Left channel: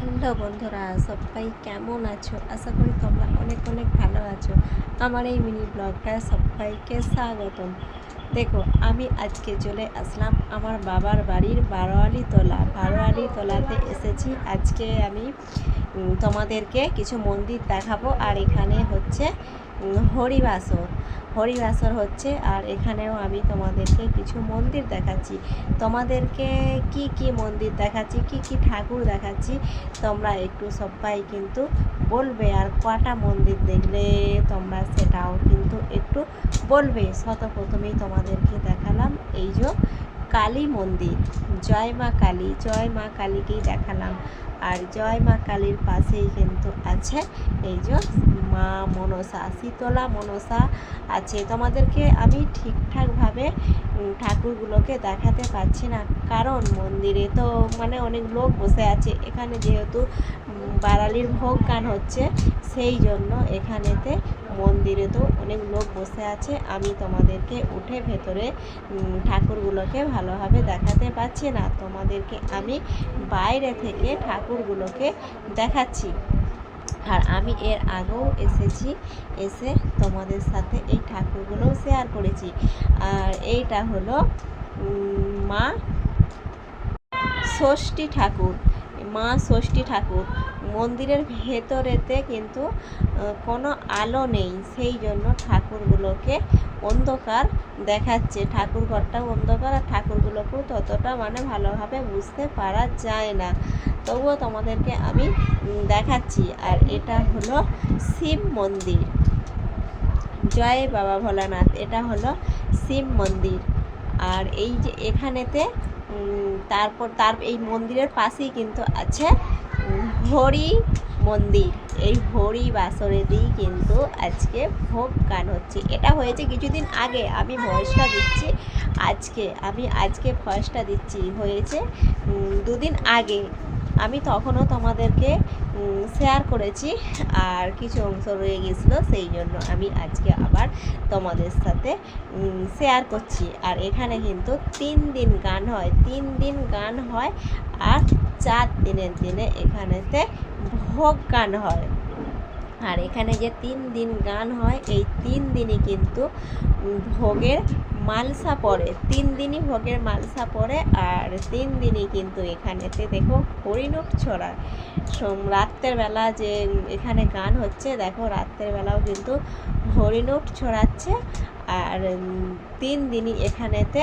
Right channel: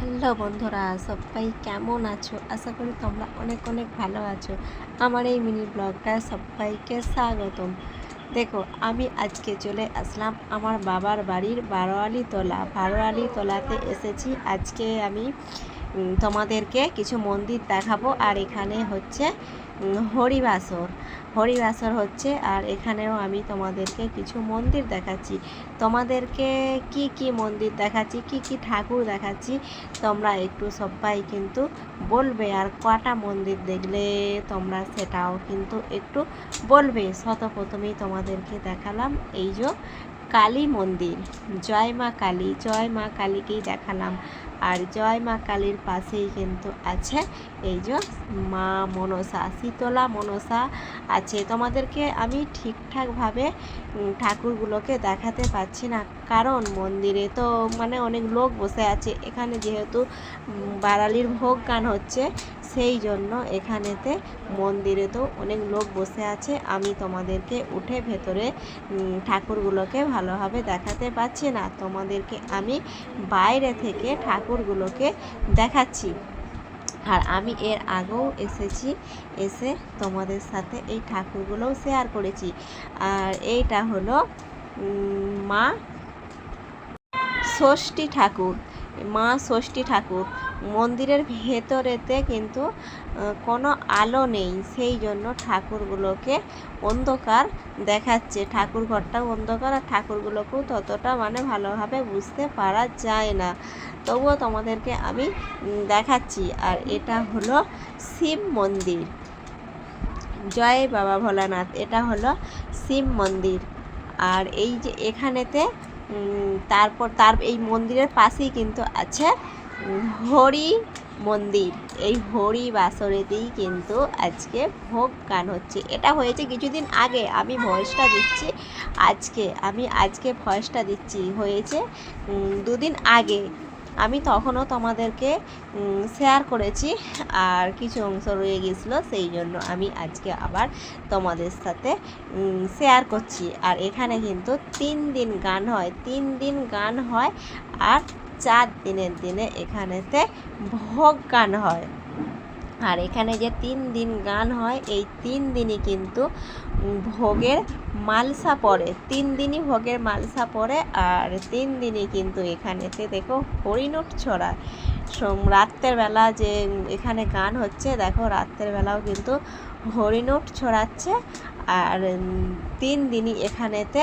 Hello বন্ধুরা, সবাই কেমন আছো? আশা করি তোমরা অনেক অনেক ভালো আছো। আমার এই মিনি ব্লগটায় সবাইকে স্বাগতম। দেখো, আমি আজকে চলে আসলাম আমার বাবার বাড়ির বারোয়ালি তলাতে এসেছি। আজকে আমি তোমাদেরকে কিছু মন্দির দেখাবো। আর এখানে হচ্ছে হরিবাসর হচ্ছে। আর এখানেও আমি তোমাদেরকে কিছু মন্দির দেখাচ্ছি। তোমাদেরকে কি কি মন্দির দেখাচ্ছি, কি কি ঠাকুর দেখাচ্ছি, তোমরা একটু সবাই কিন্তু বলবে। আর কটা মন্দির দেখলে তোমরা সেটাও কিন্তু একটু বলবে। প্রথমেই তোমাদেরকে দেখালাম এই যে কালী মন্দির, জয় মা কালীকেই দেখালাম। আর জয় মা কালীর পাশেই কিন্তু আছে এই যে মা মনসা, শীতলা মনসা আছে। তোমাদেরকে আমি ঠিকঠাকভাবে ঠাকুরগুলোকে দেখাতে পারছি না, কারণ মন্দিরে তো অনেক লোক বসে আছে। এখানে যেহেতু বারালির ভোগ গান হচ্ছে, সেই জন্য এখানেতে মন্দিরে তো অনেক লোক বসে আছে। আমি তোমাদেরকে উঠে ভেতরে ঠাকুরগুলোকে ভালোভাবে দেখাতে পারছি না। তোমাদেরকে আমি বাইরে থেকে ঠাকুরগুলোকে দেখাচ্ছি। আর আমি এর আগেও এসে তোমাদের সাথে এই ঠাকুরগুলোও শেয়ার করেছি। আর এইটা হলো মা ষষ্ঠী ঠাকুর। মন্দিরের ভেতরেতে কিন্তু কোনো আলো নেই, সেই জন্য ঠাকুরগুলোকে অন্ধকার দেখাচ্ছে। ঠাকুর ঘরটাও অন্ধকার, আর ঠাকুরগুলোকেও ততটা ভালোভাবে বুঝতে পারা যায় না। তবুও তোমাদেরকে আমি দেখাচ্ছি। আর এটা হলো শিব মন্দির, জয় বাবা ভোলানাথ। এটা হলো শিব মন্দির। আর এই যে এখানেতে তার এই মন্দিরের পাশেই কিন্তু আছে হরি মন্দির। এই হরি বাসরেতেই কিন্তু আজকে ভোগ গান হচ্ছে। এটা হয়েছে কিছুদিন আগে, আমি ভয়েসটা দিচ্ছি আজকে ভয়েসটা দিচ্ছি, হয়েছে দুদিন আগে। আমি তখনও তোমাদেরকে শেয়ার করেছি, আর কিছু অংশ রয়ে গেছিলো, সেই জন্য আমি আজকে আবার তোমাদের সাথে শেয়ার করছি। আর এখানে কিন্তু 3 দিন গান হয় আর 4 দিনের দিনে এখানেতে ভোগ গান হয়। আর এখানে যে 3 দিন গান হয়, এই 3 দিনই কিন্তু ভোগের মালসা পড়ে, 3 দিনই ভোগের মালসা পড়ে। আর 3 দিনই কিন্তু এখানেতে দেখো হরিণট ছড়া। রাত্রের বেলা যে এখানে গান হচ্ছে, দেখো রাত্রের বেলাও কিন্তু হরিণট ছড়াচ্ছে। আর 3 দিনই এখানেতে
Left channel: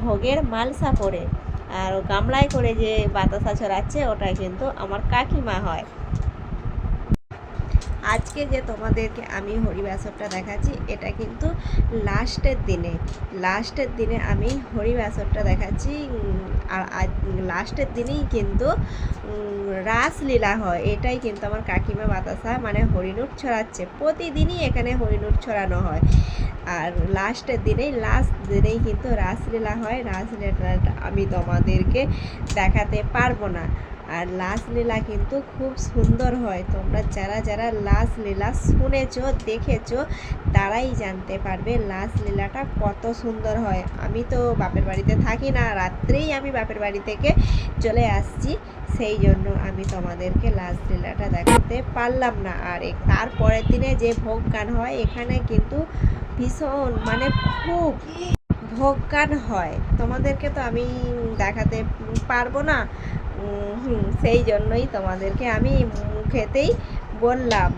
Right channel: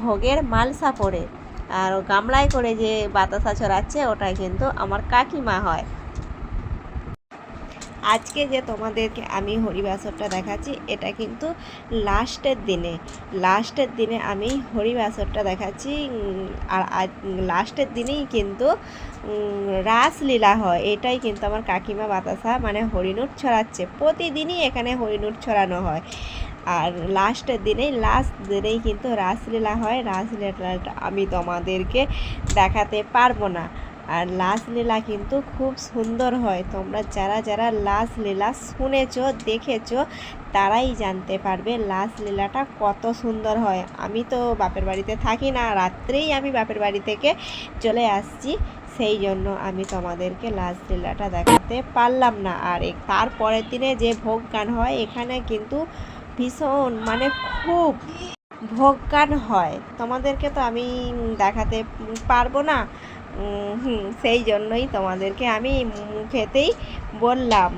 ভোগের মালসা পড়ে। আর গামলায় করে যে বাতাসা ছড়াচ্ছে, ওটাই কিন্তু আমার কাকিমা হয়। আজকে যে তোমাদেরকে আমি হরিবাসরটা দেখাচ্ছি, এটা কিন্তু লাস্টের দিনে আমি হরিবাসরটা দেখাচ্ছি। আর লাস্টের দিনেই কিন্তু রাসলীলা হয়। এটাই কিন্তু আমার কাকিমা বাতাসা হরিণুট ছড়াচ্ছে। প্রতিদিনই এখানে হরিণুট ছড়ানো হয়। আর লাস্ট দিনেই কিন্তু রাসলীলা হয়। রাসলীলাটা আমি তোমাদেরকে দেখাতে পারবো না। আর রাসলীলা কিন্তু খুব সুন্দর হয়। তোমরা যারা যারা রাসলীলা শুনেছো, দেখেছো, তারাই জানতে পারবে রাসলীলাটা কত সুন্দর হয়। আমি তো বাপের বাড়িতে থাকি না, রাত্রেই আমি বাপের বাড়ি থেকে চলে আসছি, সেই জন্য আমি তোমাদেরকে রাসলীলাটা দেখাতে পারলাম না। আর তারপরের দিনে যে ভোগ গান হয়, এখানে কিন্তু ভীষণ খুব ভোগ গান হয়। তোমাদেরকে তো আমি দেখাতে পারবো না, সেই জন্যই তোমাদেরকে আমি মুখেতেই বললাম।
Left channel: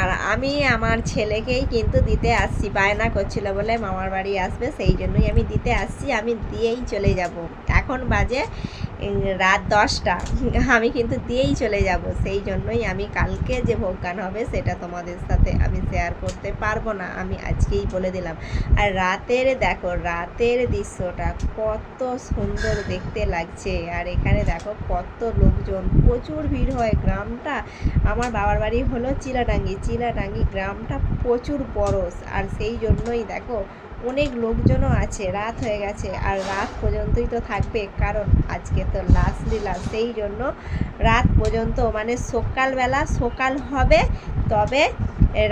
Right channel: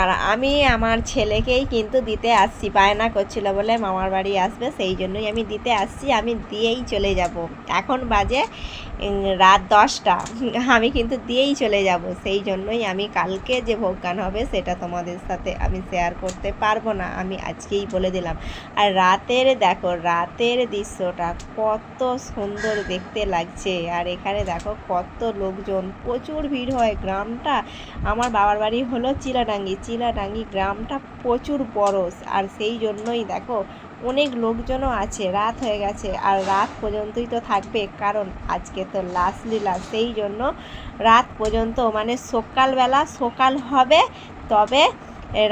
আর আমি আমার ছেলেকেই কিন্তু দিতে আসছি, বায়না করছিল বলে মামার বাড়ি আসবে, সেই জন্যই আমি দিতে আসছি। আমি দিয়েই চলে যাব। এখন বাজে রাত 10টা, আমি কিন্তু দিয়েই চলে যাব। সেই জন্যই আমি কালকে যে ভোগ গান হবে সেটা তোমাদের সাথে আমি শেয়ার করতে পারবো না, আমি আজকেই বলে দিলাম। আর দেখো রাতের দৃশ্যটা কত সুন্দর দেখতে লাগছে। আর এখানে দেখো কত লোকজন, প্রচুর ভিড় হয়। গ্রামটা, আমার বাবার বাড়ি হলো চিলাডাঙ্গি গ্রামটা প্রচুর বড়। আর সেই জন্যই দেখো অনেক লোকজনও আছে। রাত হয়ে গেছে, আর রাত পর্যন্তই তো থাকবে, কারণ আজকে তো রাসলীলা, সেই জন্য রাত পর্যন্ত সকাল হবে, তবে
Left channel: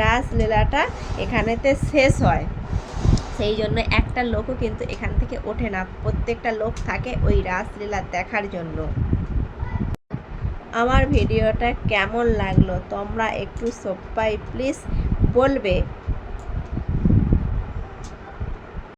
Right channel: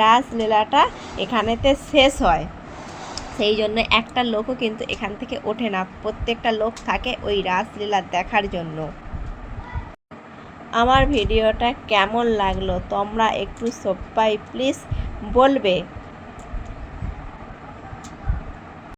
রাসলীলাটা এখানেতে শেষ হয়। সেই জন্য একটা লোকও কিন্তু এখান থেকে ওঠে না, প্রত্যেকটা লোক থাকে ওই রাসলীলা দেখার জন্য। আমার ভিডিওটা কেমন লাগলো তোমরা একটু সবাই প্লিজ বলবে।